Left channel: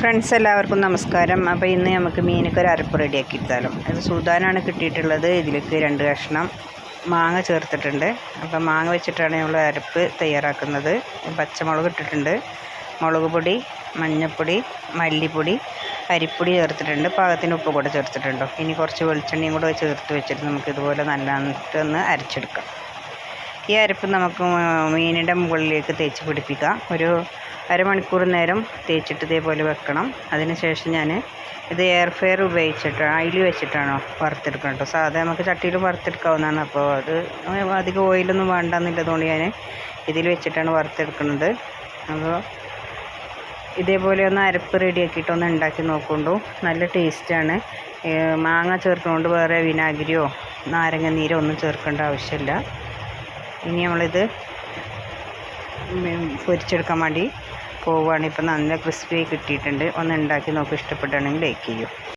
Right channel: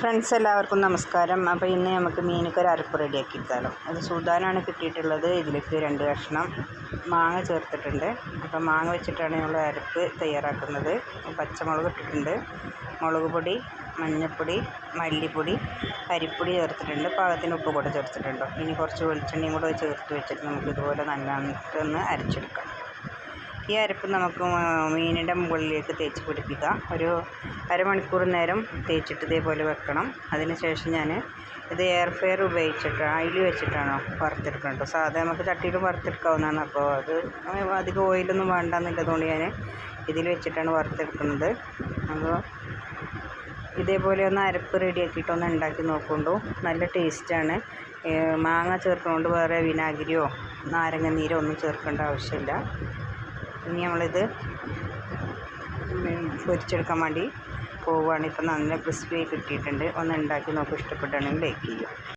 Friends എല്ലാവർക്കും നമസ്കാരം. അപ്പോൾ ഇന്ന് നമുക്ക് മീനൊക്കെ ഒരു അരപ്പ് റെഡിയാക്കി എടുത്താലും. അത് സൂദാനാണ് കിട്ടിയിട്ടുള്ളത്. ഇതിലേക്ക് 2 കഷ്ണം മാങ്ങ ചേർത്തിട്ടുണ്ട്. അപ്പോൾ മാങ്ങ വെച്ചിട്ടാണ് നമ്മൾ അരപ്പ് തയ്യാറാക്കുന്നത്. പച്ചമുളക് ഇട്ടിട്ടുണ്ട്, മുളക് പൊടി, മഞ്ഞൾപ്പൊടി, മല്ലിപ്പൊടി, അരിപ്പൊടി ചേർത്തിട്ടുണ്ട്, പാകത്തിന് ഉപ്പ് കൂടെ ചേർത്തിട്ടുണ്ട്. ഇനി കുറച്ച് വെളിച്ചെണ്ണയും കൂടെ ചേർത്ത് വെച്ചിട്ട് നമുക്ക് ഇതുപോലെ നല്ലൊന്ന് അരച്ചെടുക്കാം. ഈ അരപ്പ് നമുക്ക് മീനിൻ്റെ മുകളിലേക്ക് തേച്ച് പിടിപ്പിക്കാം. ഒരു അരമണിക്കൂർ നേരം തേച്ചിട്ട് ഇതേപോലെ വെക്കണം. അതിനുശേഷം ഞാൻ ഇത് എയർ ഫ്രയർ ഉപയോഗിച്ചിട്ട് അതിൽ വെച്ചിട്ടാണോ വറുത്തെടുക്കണം കേട്ടോ. സാധാരണ നമുക്ക് ചട്ടിയിൽ വറുത്തെടുക്കാവുന്നതാണ്. അപ്പോൾ അത് അധികം ഓയിലൊന്നും വേണ്ടെന്നുള്ളതുകൊണ്ട് ഞാൻ ഇതിൽ വെച്ചിട്ടാണ് വറുത്തെടുക്കുന്നത്. അപ്പോൾ ഇതേപോലെ ഒന്ന് അരപ്പ് റെഡിയാക്കിയിട്ട് ഒന്ന് ഉണ്ടാക്കി നോക്കൊണ്ടു. നല്ല ടേസ്റ്റാണ്. മാങ്ങ ചേർക്കുന്നതുകൊണ്ട് വേറെ വിനാഗിരിയോ നാരങ്ങ നീരോ ഒന്നും ചേർക്കേണ്ട ആവശ്യമില്ല. ഇനി നമ്മളിത് പൊരിച്ചെടുക്കാൻ വേണ്ടി പോവുകയാണ്. ഇപ്പം നല്ല ക്രിസ്പി കിട്ടിയിട്ടുണ്ട്. ഒന്ന് ഉണ്ടാക്കി നോക്കി, ഇഷ്ടപ്പെട്ടാണെങ്കിൽ ലൈക്ക് ചെയ്യൂ.